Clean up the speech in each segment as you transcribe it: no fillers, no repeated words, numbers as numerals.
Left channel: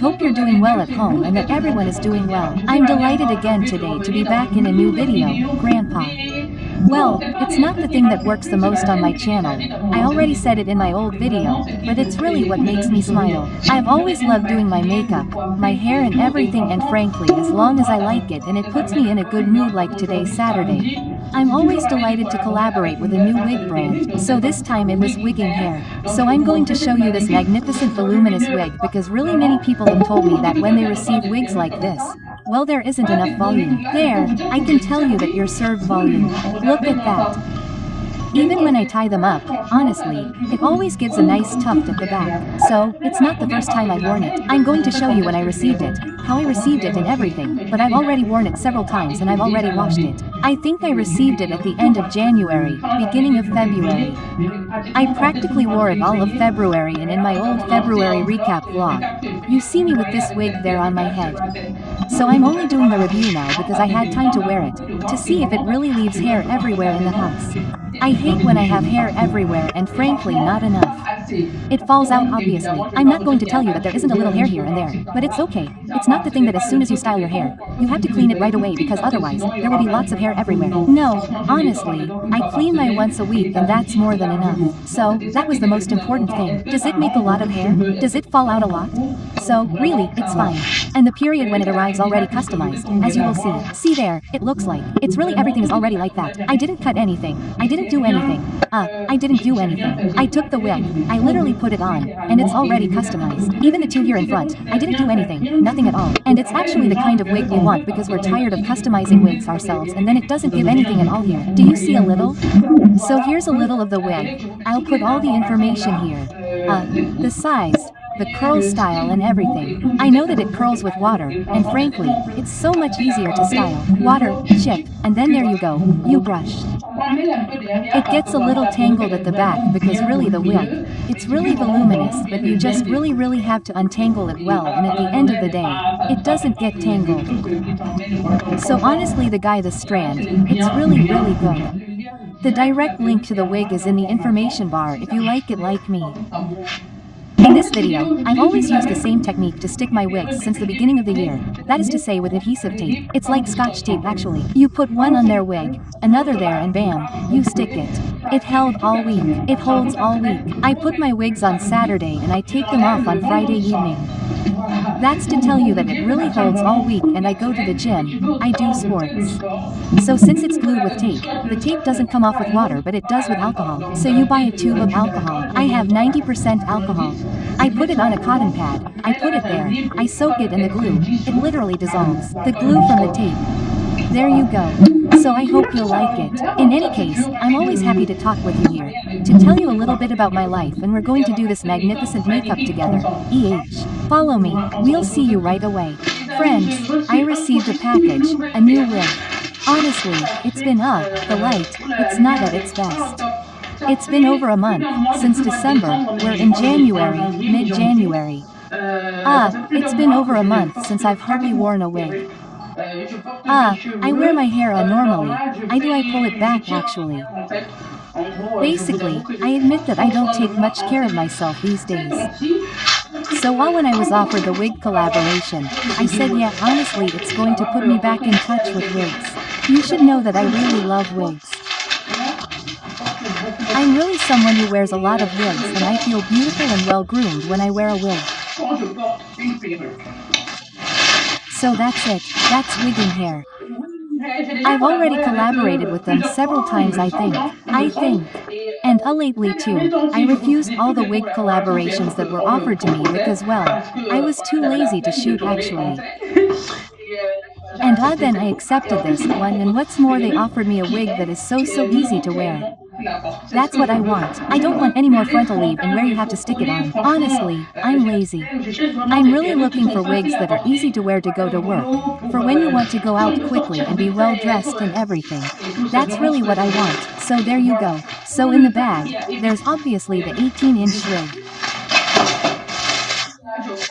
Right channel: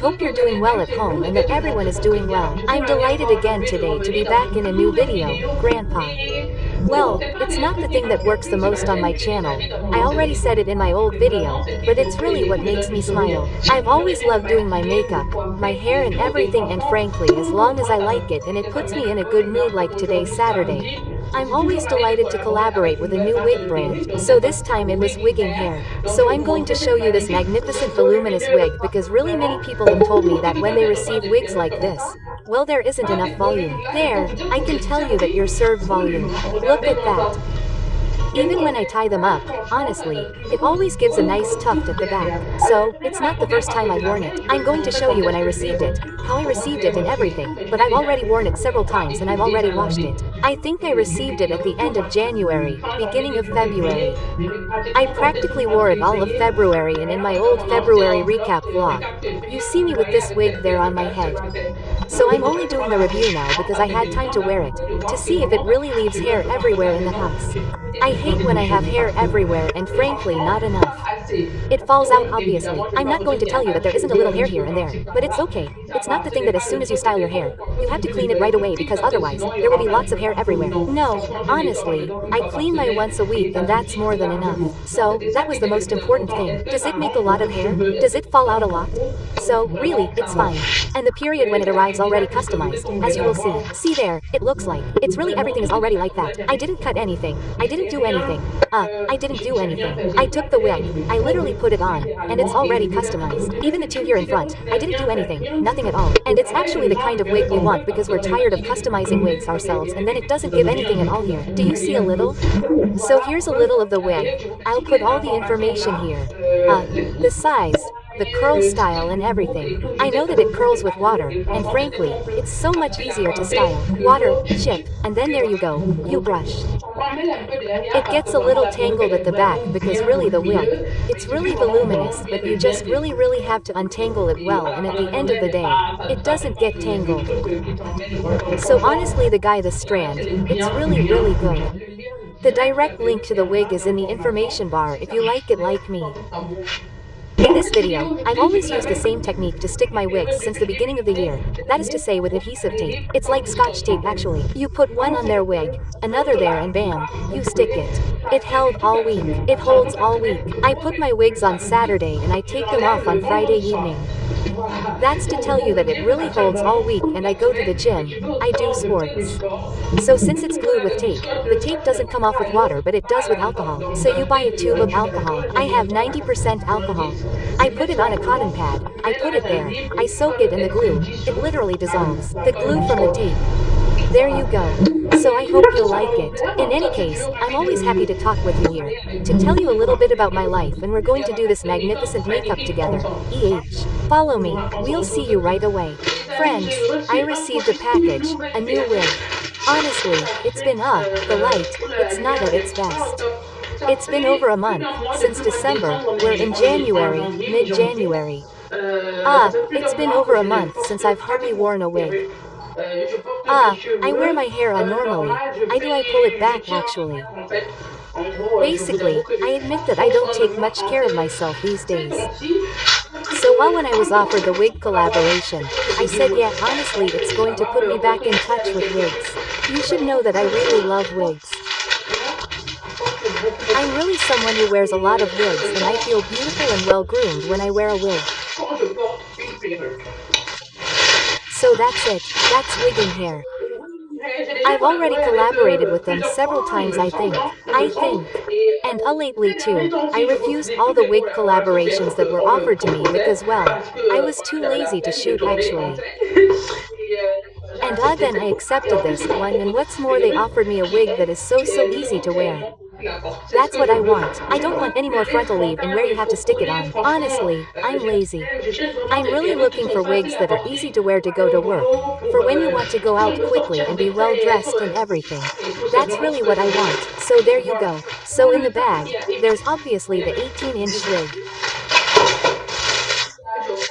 hope you're doing well at home and that everyone is doing well. I'm delighted again today to be back in a new video, Grandpa. Well, it's not the thing that works the most on my channel. I already said it in my old video, but it's really what makes me smile. I've always loved doing my makeup, my hair and everything, and frankly, as long as I like it and it puts me in a good mood like today, Saturday, I'm always delighted to collaborate with a new wig brand, so this time it was Wigging Hair. So I'm going to show you this magnificent voluminous wig because really many people have told me that when they receive wigs like this, well, there isn't enough volume. There, I can tell you that you're served volume. Look at that. Even when I tie them up, honestly, it always gives a nice tuft at the back. So, it's not the first time I've worn it. I'm going to show you when I received it, how I received it and everything, but I've already worn it several times and I've already washed it. I think I received it at the end of January, beginning of February. I practically wore it all of February, and in my old February recap vlog, you see me with this wig there on my head. So I'm only doing the review now because I had time to wear it, to see if it really leaves hair everywhere in the house. I hate when I have hair everywhere and frankly not enough. It falls out obviously. I'm not going to tell you that there isn't a little hair here and there, but it's okay. It's not the thing that as soon as you style your hair, you have to clean it right away because otherwise, there will be lots of hair everywhere. No, honestly, I clean my once a week and that's more than enough. So, that was the most important thing. Does it make a lot of hair? Does it fall out a lot? So, really, it's fine. And the period when it arrives already customized, as you will see. See there, it looks like. It's really everything is already like that. I didn't cut anything. I didn't do anything. I didn't do anything. I took the wig, I literally put it on, and it's already customized. Even the two here in front, I didn't do anything, nothing at all. And it's actually the kind of wig we want because we're tired of customizing wigs ourselves and then it doesn't give anything at all here. Do you see a little? So here's a little of the wig. I'll put all the information here. The size, the curl style and everything. I know that it curls with water, and frankly, it's so much easier to style. Water, chip, and then there you go, you brush. It gets a little tangled at the back because really the wig, it's really voluminous, but you just really have to untangle it well, and at the end of the day, it doesn't get tangled. So honestly the strand, it's really good. The direct link to the wig is in the information bar if you like it like me. In this video, I've always used the same technique to stick my wigs since the beginning of the year, that is to say with adhesive tape. It's like scotch tape actually. You put one on their wig, another there and bam, you stick it. It held all week. It holds all week. I put my wigs on Saturday and I take them off on Friday evening. That's to tell you that it really holds all week, and I go to the gym, I do sports. So since it's glued with tape, the tape doesn't come off with water but it does with alcohol. So you buy a tube of alcohol. I have 90% alcohol. I put it on a cotton pad, I put it there, I soak it in the glue, it literally dissolves. The glue from the tape. There you go. So I hope you'll like it. In any case, I'm always happy to talk with you here, to tell you a little bit about my life, and we're going to do this magnificent makeup together. Follow me, we'll see you right away. Friends, I received a package, a new wig. Honestly, it's been the light, it's not at its best. It's been over a month, since December, we're in January, mid-January. It's been over a month since I've hardly worn a wig. I wear my hair normally. I pull it back actually. Basically, I admit that I don't take much care of myself these days. So when I was offered the wig collaboration, I said yeah, honestly it's going to put me back in touch with wigs. You should know that I really love wigs. I'm really someone who wears a lot of wigs and I feel beautiful and well groomed when I wear a wig. So that's it, that's Wigging Hair. I've already collaborated with them several times I think. And lately too, I refused all the wig collaborations that were offered to me because well, I was too lazy to shoot actually. And then I accepted this one, and what's more they offered me a wig that is so easy to wear. That's what I want. I don't want any more frontal leave and where you have to stick it on. Honestly, I'm lazy. I'm really looking for wigs that are easy to wear to go to work, for when you want to go out quickly and be well dressed and everything. That's really what I want, so there you go. So in the bag, there's obviously the 18-inch wig.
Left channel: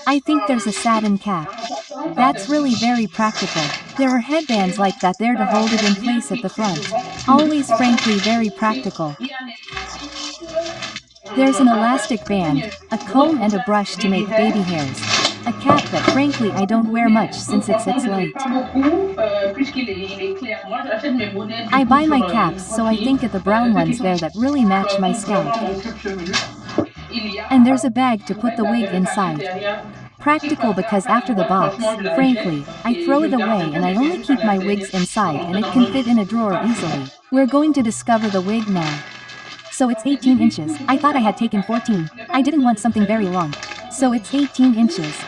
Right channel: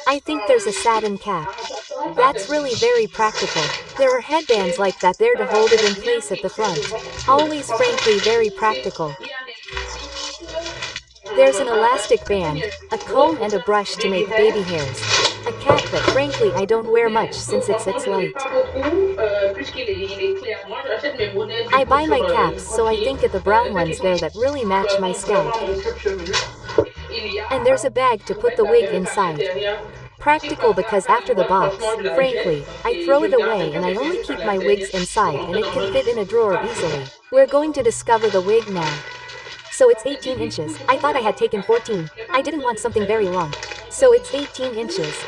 I think there's a satin cap. That's really very practical. There are headbands like that there to hold it in place at the front. Always frankly very practical. There's an elastic band, a comb and a brush to make baby hairs. A cap that frankly I don't wear much since it's light. I buy my caps so I think at the brown ones there that really match my scalp. And there's a bag to put the wig inside. Practical because after the box, frankly, I throw it away and I only keep my wigs inside and it can fit in a drawer easily. We're going to discover the wig now. So it's 18 inches, I thought I had taken 14, I didn't want something very long. So it's 18 inches.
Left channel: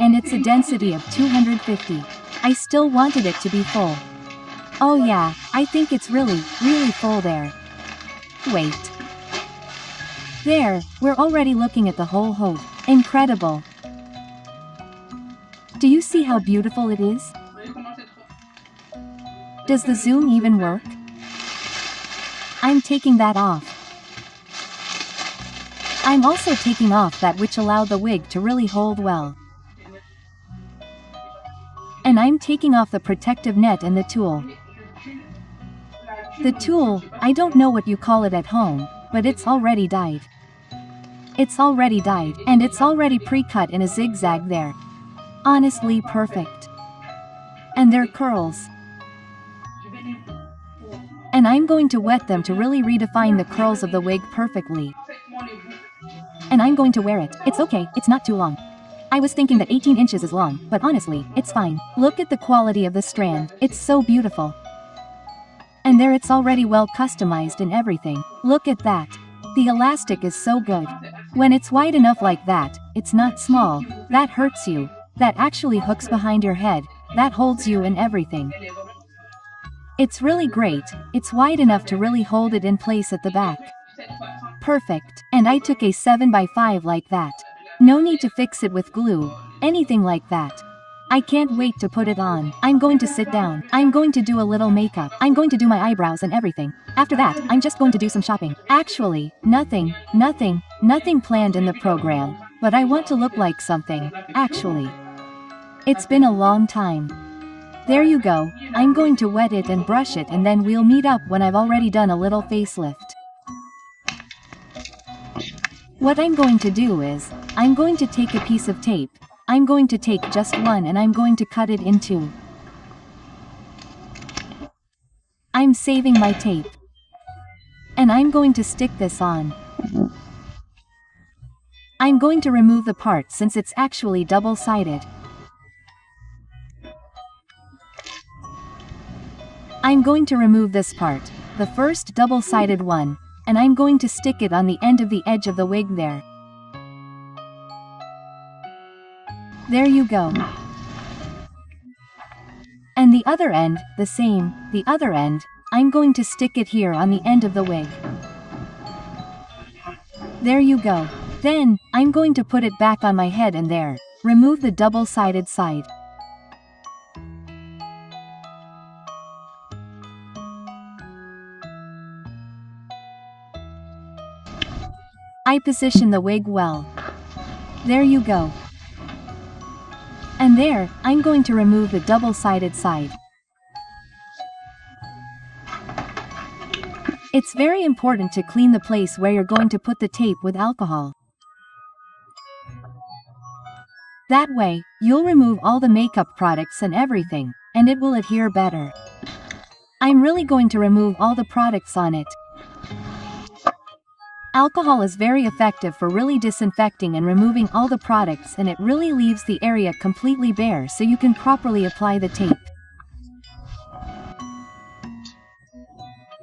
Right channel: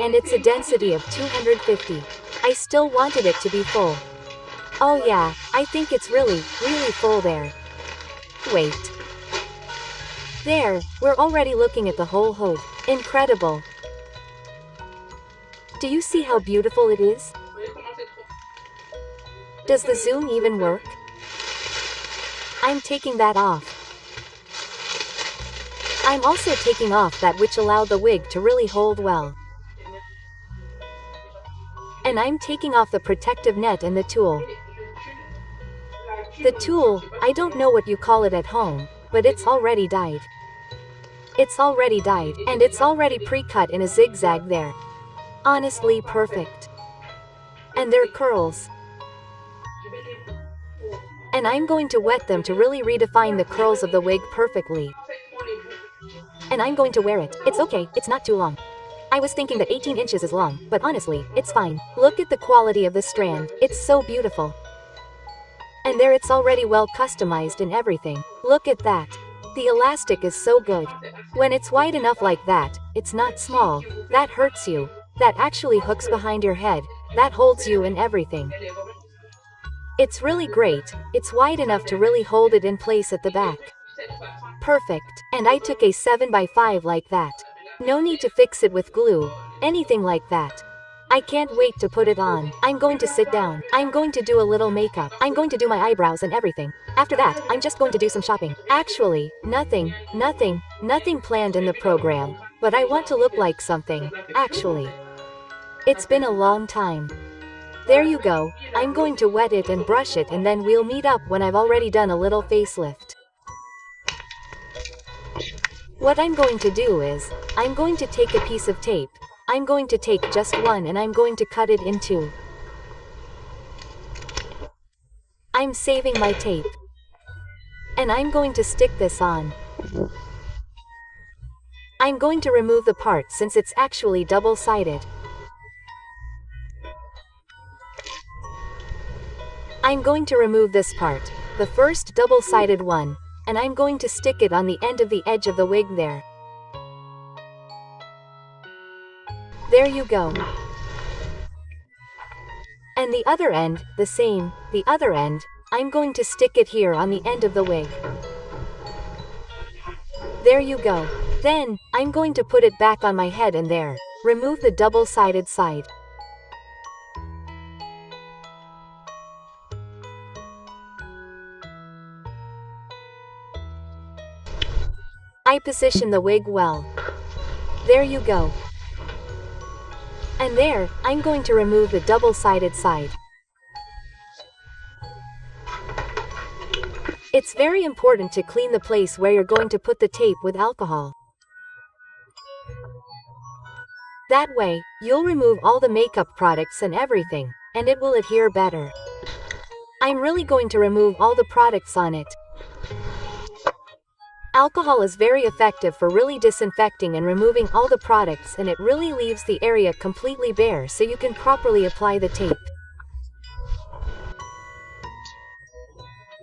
And it's a density of 250. I still wanted it to be full. Oh yeah, I think it's really full there. Wait. There, we're already looking at the whole hood. Incredible. Do you see how beautiful it is? Does the zoom even work? I'm taking that off. I'm also taking off that which allowed the wig to really hold well. And I'm taking off the protective net and the tool. The tool, I don't know what you call it at home, but it's already dyed. It's already dyed, and it's already pre-cut in a zigzag there. Honestly perfect. And they're curls. And I'm going to wet them to really redefine the curls of the wig perfectly. And I'm going to wear it. It's okay, it's not too long. I was thinking that 18 inches is long, but honestly, it's fine. Look at the quality of the strand, it's so beautiful. And there it's already well customized and everything. Look at that. The elastic is so good. When it's wide enough like that, it's not small, that hurts you, that actually hooks behind your head, that holds you and everything. It's really great, it's wide enough to really hold it in place at the back. Perfect, and I took a 7x5 like that. No need to fix it with glue, anything like that. I can't wait to put it on. I'm going to sit down. I'm going to do a little makeup. I'm going to do my eyebrows and everything. After that, I'm just going to do some shopping. Actually, nothing planned in the program. But I want to look like something, actually. It's been a long time. There you go, I'm going to wet it and brush it and then we'll meet up when I've already done a little facelift. What I'm going to do is, I'm going to take a piece of tape. I'm going to take just one and I'm going to cut it in two. I'm saving my tape. And I'm going to stick this on. I'm going to remove the part since it's actually double-sided. I'm going to remove this part, the first double-sided one, and I'm going to stick it on the end of the edge of the wig there. There you go. And the other end, the same, the other end, I'm going to stick it here on the end of the wig. There you go. Then, I'm going to put it back on my head and there, remove the double-sided side. I position the wig well. There you go. And there, I'm going to remove the double-sided side. It's very important to clean the place where you're going to put the tape with alcohol. That way, you'll remove all the makeup products and everything, and it will adhere better. I'm really going to remove all the products on it. Alcohol is very effective for really disinfecting and removing all the products, and it really leaves the area completely bare so you can properly apply the tape.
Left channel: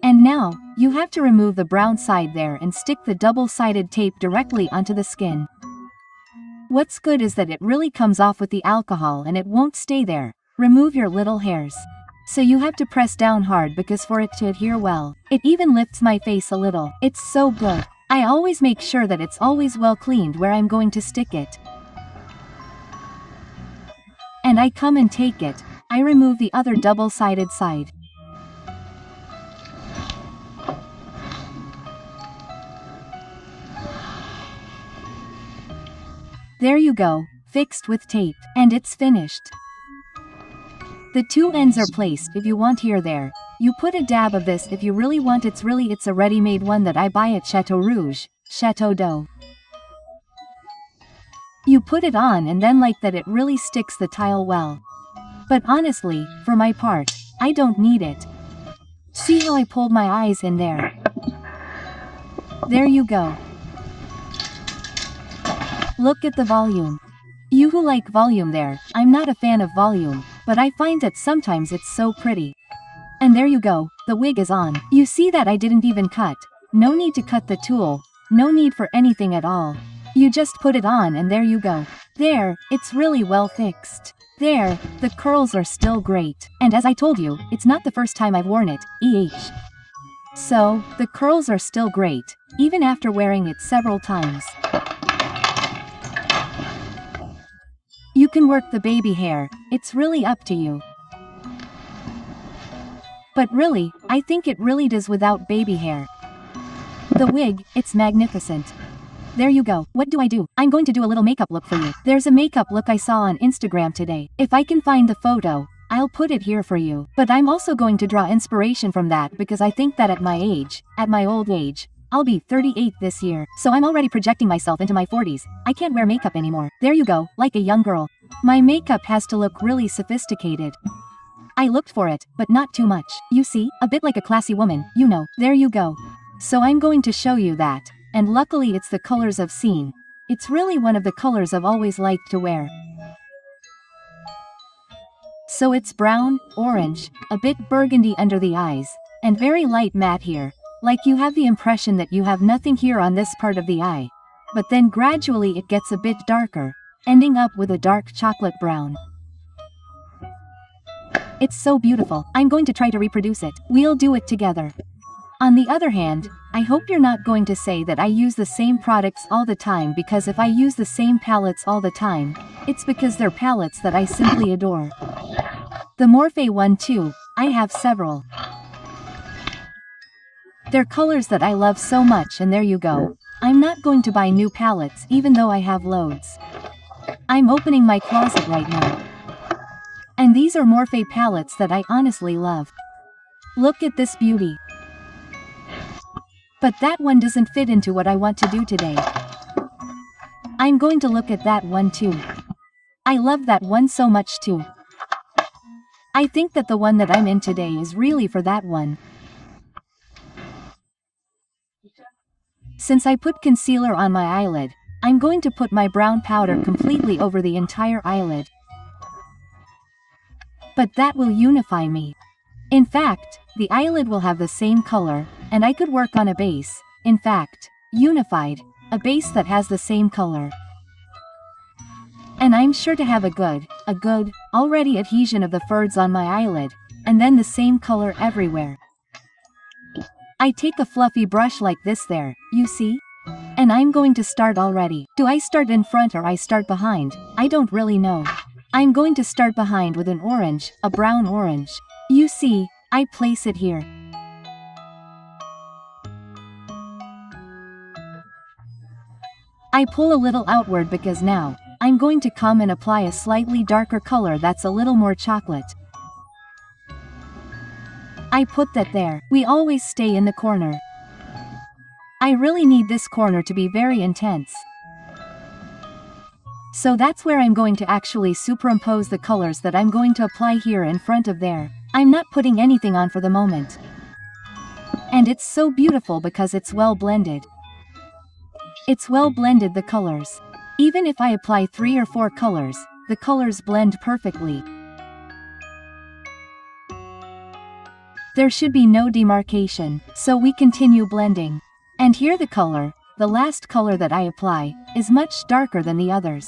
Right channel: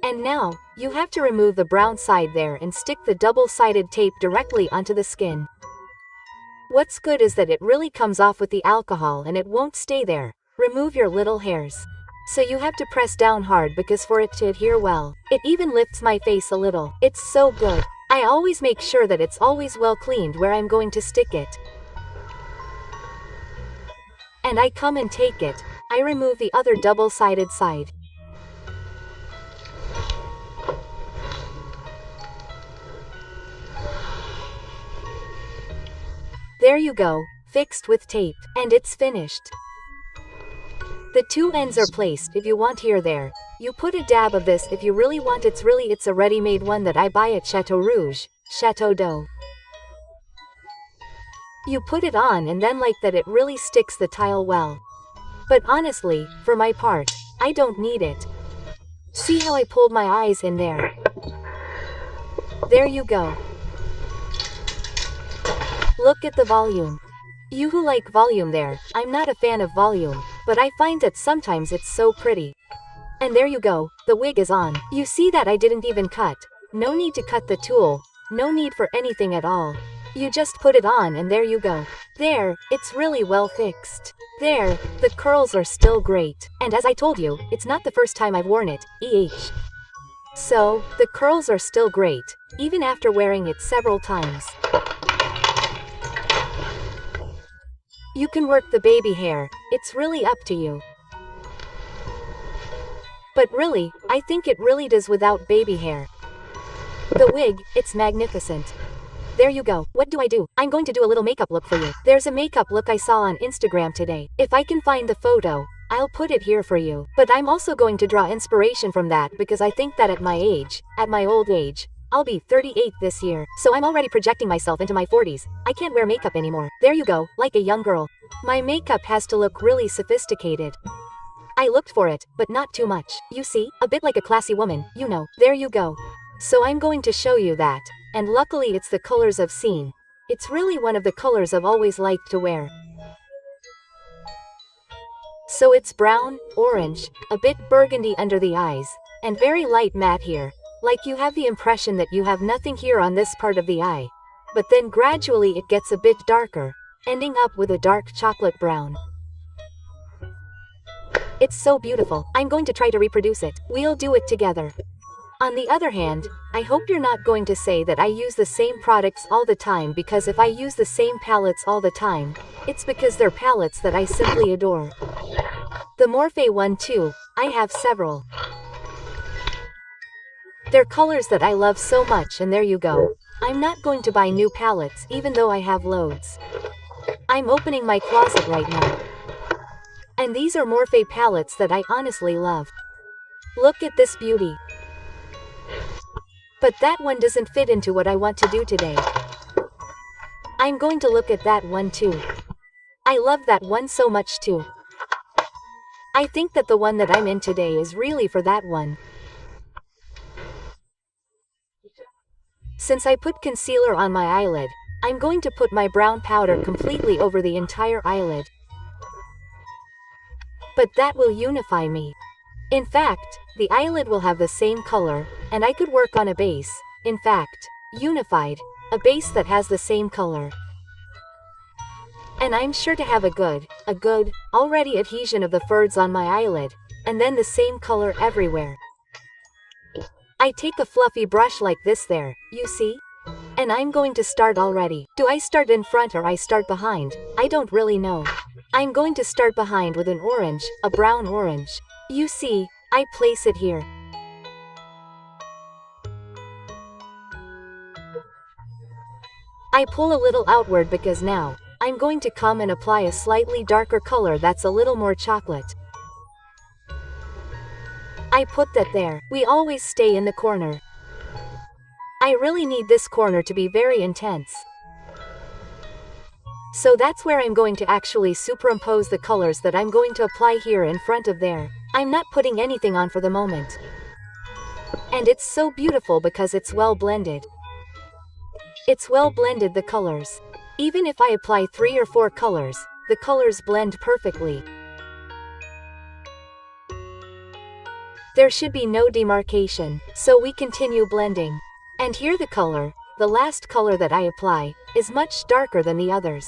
And now, you have to remove the brown side there and stick the double-sided tape directly onto the skin. What's good is that it really comes off with the alcohol and it won't stay there. Remove your little hairs. So you have to press down hard because for it to adhere well. It even lifts my face a little. It's so good. I always make sure that it's always well cleaned where I'm going to stick it. And I come and take it. I remove the other double-sided side. There you go, fixed with tape, and it's finished. The two ends are placed if you want here there. You put a dab of this if you really want. It's a ready-made one that I buy at Chateau Rouge, Chateau d'Eau. You put it on and then like that it really sticks the tile well. But honestly, for my part, I don't need it. See how I pulled my eyes in there? There you go. Look at the volume. You who like volume there, I'm not a fan of volume, but I find that sometimes it's so pretty. And there you go, the wig is on. You see that I didn't even cut. No need to cut the tool, no need for anything at all. You just put it on and there you go. There, it's really well fixed. There, the curls are still great. And as I told you, it's not the first time I've worn it, So, the curls are still great, even after wearing it several times. You can work the baby hair, it's really up to you. But really, I think it really does without baby hair. The wig, it's magnificent. There you go. What do I do? I'm going to do a little makeup look for you. There's a makeup look I saw on Instagram today. If I can find the photo, I'll put it here for you. But I'm also going to draw inspiration from that because I think that at my age, at my old age, I'll be 38 this year. So I'm already projecting myself into my 40s. I can't wear makeup anymore. There you go, like a young girl. My makeup has to look really sophisticated. I looked for it, but not too much. You see, a bit like a classy woman, you know. There you go. So I'm going to show you that. And luckily it's the colors I've seen. It's really one of the colors I've always liked to wear. So it's brown, orange, a bit burgundy under the eyes, and very light matte here. Like you have the impression that you have nothing here on this part of the eye. But then gradually it gets a bit darker, ending up with a dark chocolate brown. It's so beautiful. I'm going to try to reproduce it. We'll do it together. On the other hand, I hope you're not going to say that I use the same products all the time, because if I use the same palettes all the time, it's because they're palettes that I simply adore. The Morphe one too, I have several. They're colors that I love so much, and there you go. I'm not going to buy new palettes even though I have loads. I'm opening my closet right now. And these are Morphe palettes that I honestly love. Look at this beauty. But that one doesn't fit into what I want to do today. I'm going to look at that one too. I love that one so much too. I think that the one that I'm in today is really for that one. Since I put concealer on my eyelid, I'm going to put my brown powder completely over the entire eyelid. But that will unify me. In fact, the eyelid will have the same color, and I could work on a base, in fact, unified, a base that has the same color. And I'm sure to have a good, already adhesion of the ferds on my eyelid, and then the same color everywhere. I take a fluffy brush like this there, you see? And I'm going to start already. Do I start in front or I start behind? I don't really know. I'm going to start behind with an orange, a brown orange. You see, I place it here. I pull a little outward because now, I'm going to come and apply a slightly darker color that's a little more chocolate. I put that there. We always stay in the corner. I really need this corner to be very intense. So that's where I'm going to actually superimpose the colors that I'm going to apply here in front of there. I'm not putting anything on for the moment. And it's so beautiful because it's well blended. It's well blended, the colors. Even if I apply 3 or 4 colors, the colors blend perfectly. There should be no demarcation, so we continue blending. And here the color, the last color that I apply, is much darker than the others.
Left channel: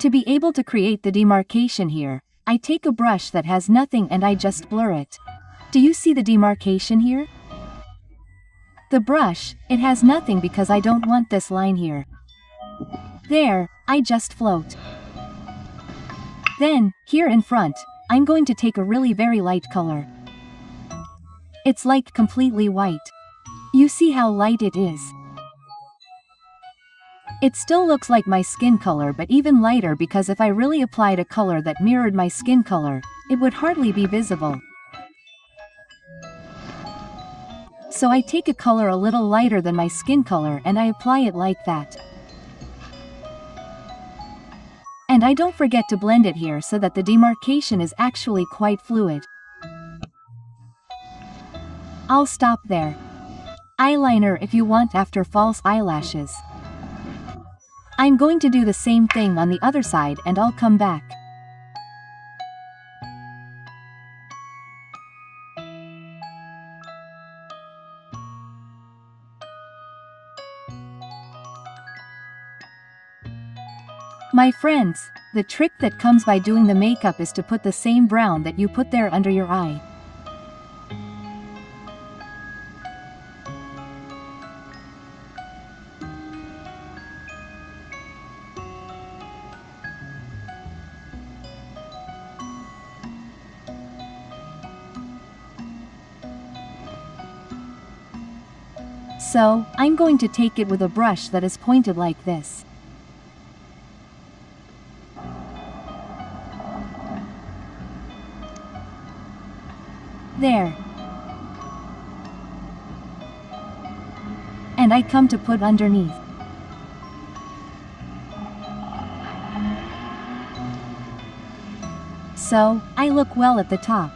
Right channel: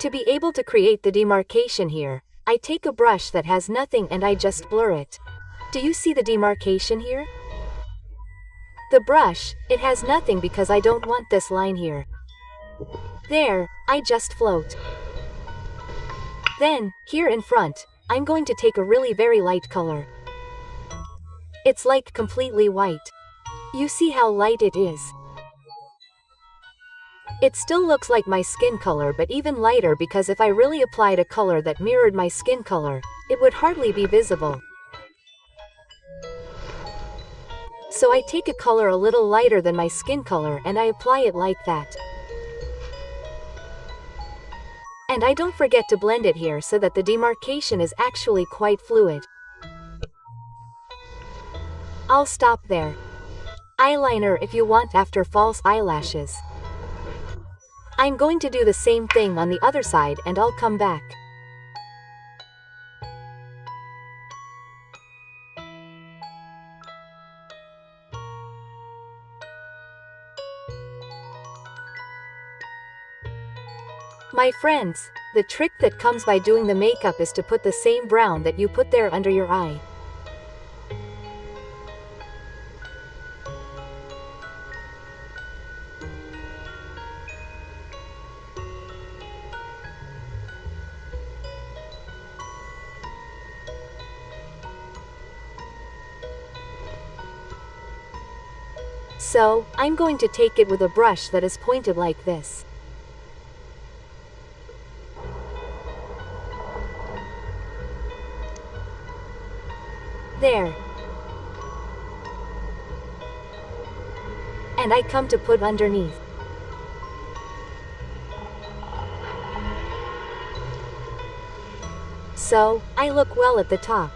To be able to create the demarcation here, I take a brush that has nothing and I just blur it. Do you see the demarcation here? The brush, it has nothing because I don't want this line here. There, I just float. Then, here in front, I'm going to take a really very light color. It's like completely white. You see how light it is? It still looks like my skin color, but even lighter, because if I really applied a color that mirrored my skin color, it would hardly be visible. So I take a color a little lighter than my skin color and I apply it like that. And I don't forget to blend it here so that the demarcation is actually quite fluid. I'll stop there. Eyeliner if you want after false eyelashes. I'm going to do the same thing on the other side and I'll come back. My friends, the trick that comes by doing the makeup is to put the same brown that you put there under your eye. So, I'm going to take it with a brush that is pointed like this. There. And I come to put underneath. So, I look well at the top.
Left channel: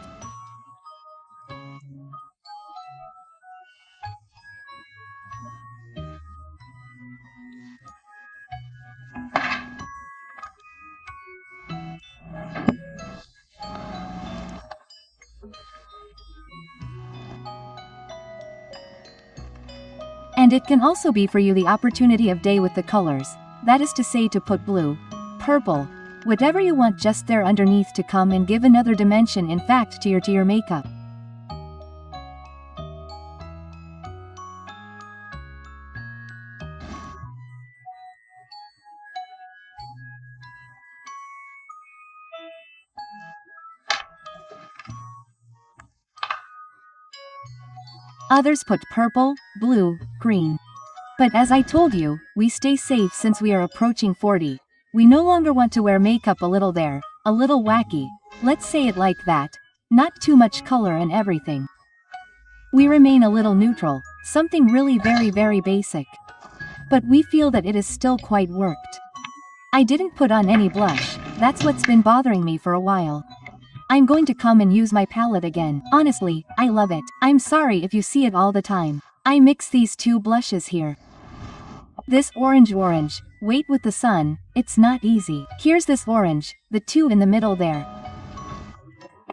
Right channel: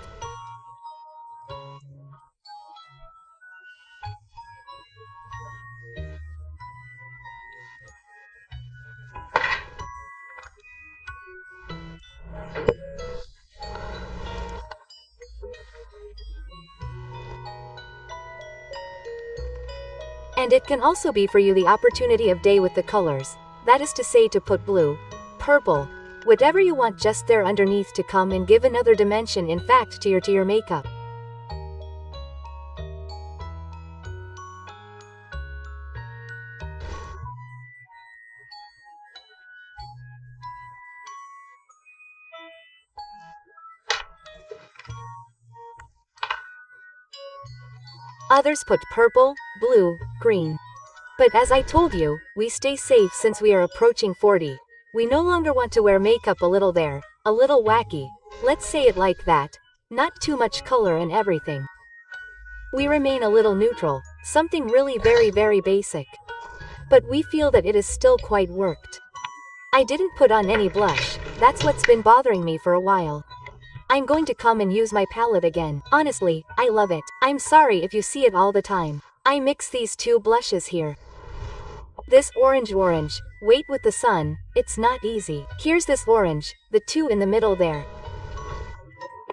And it can also be for you the opportunity of day with the colors, that is to say to put blue, purple, whatever you want just there underneath to come and give another dimension in fact to your makeup. Others put purple, blue, green. But as I told you, we stay safe since we are approaching 40. We no longer want to wear makeup a little there, a little wacky, let's say it like that, not too much color and everything. We remain a little neutral, something really very basic. But we feel that it is still quite worked. I didn't put on any blush, that's what's been bothering me for a while. I'm going to come and use my palette again. Honestly, I love it. I'm sorry if you see it all the time. I mix these two blushes here. This orange, wait with the sun, it's not easy. Here's this orange, the two in the middle there.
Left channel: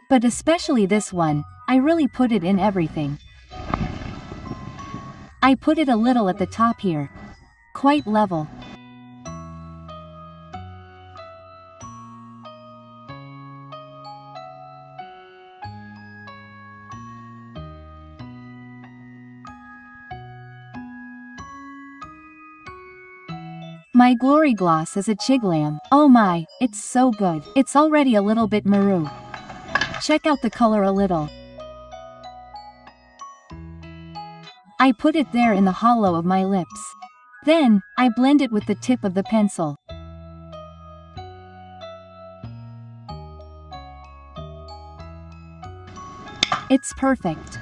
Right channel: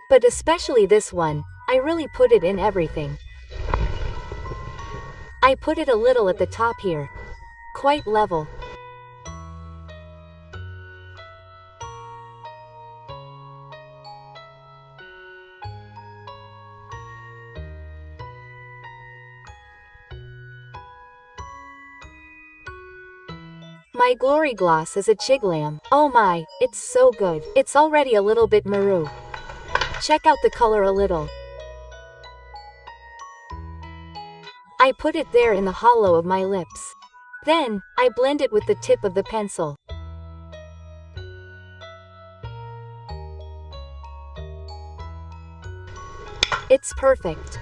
But especially this one, I really put it in everything. I put it a little at the top here. Quite level. My Glory Gloss is a Chiglam. Oh my, it's so good. It's already a little bit maroon. Check out the color a little. I put it there in the hollow of my lips. Then, I blend it with the tip of the pencil. It's perfect.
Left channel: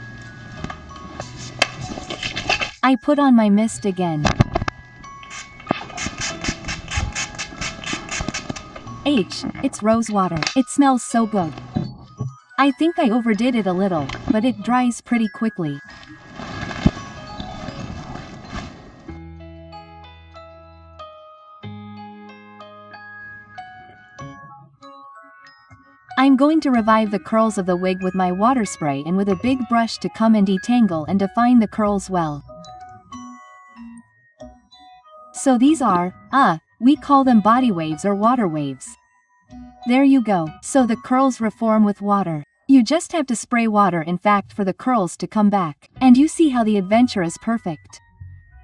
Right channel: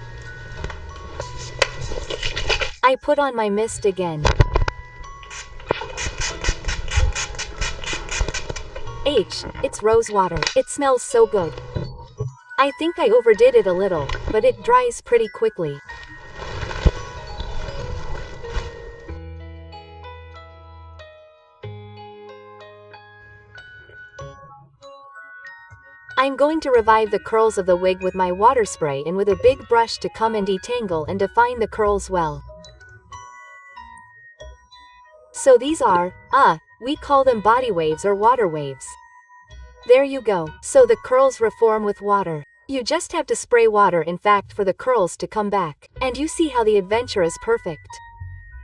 I put on my mist again. It's rose water. It smells so good. I think I overdid it a little, but it dries pretty quickly. I'm going to revive the curls of the wig with my water spray and with a big brush to come and detangle and define the curls well. So these are, we call them body waves or water waves. There you go. So the curls reform with water. You just have to spray water in fact for the curls to come back. And you see how the adventure is perfect.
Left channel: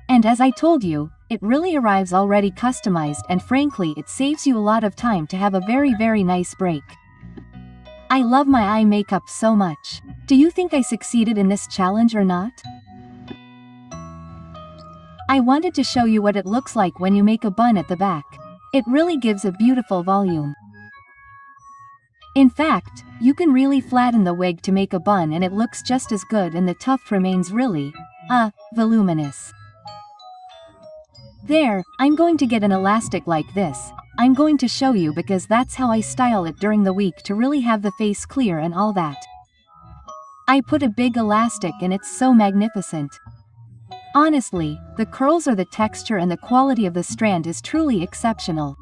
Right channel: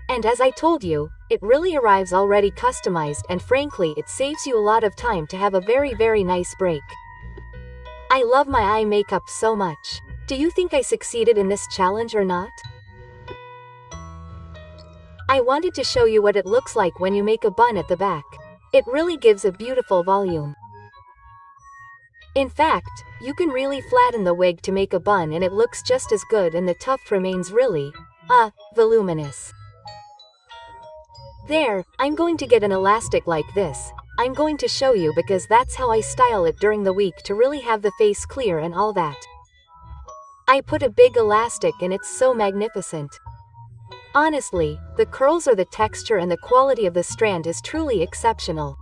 And as I told you, it really arrives already customized and frankly it saves you a lot of time to have a very nice break. I love my eye makeup so much. Do you think I succeeded in this challenge or not? I wanted to show you what it looks like when you make a bun at the back. It really gives a beautiful volume. In fact, you can really flatten the wig to make a bun and it looks just as good and the tuft remains really, voluminous. There, I'm going to get an elastic like this. I'm going to show you because that's how I style it during the week to really have the face clear and all that. I put a big elastic and it's so magnificent. Honestly, the curls or the texture and the quality of the strand is truly exceptional.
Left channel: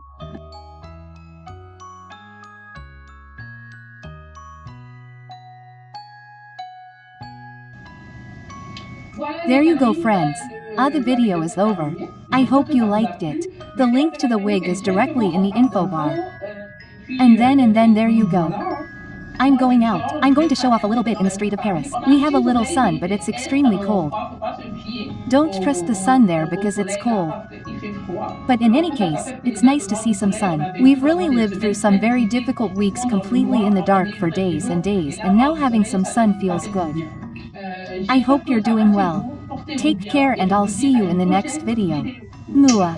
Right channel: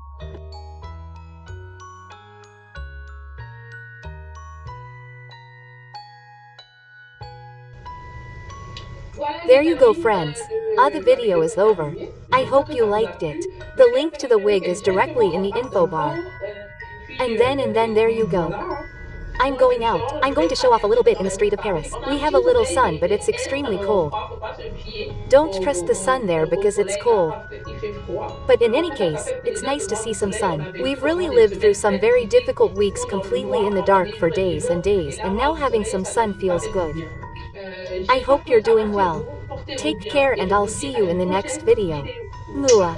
There you go friends. The video is over. I hope you liked it. The link to the wig is directly in the info bar. And then there you go. I'm going out. I'm going to show off a little bit in the street of Paris. We have a little sun but it's extremely cold. Don't trust the sun there because it's cold. But in any case, it's nice to see some sun. We've really lived through some very difficult weeks completely in the dark for days and now having some sun feels good. I hope you're doing well. Take care and I'll see you in the next video. Mua.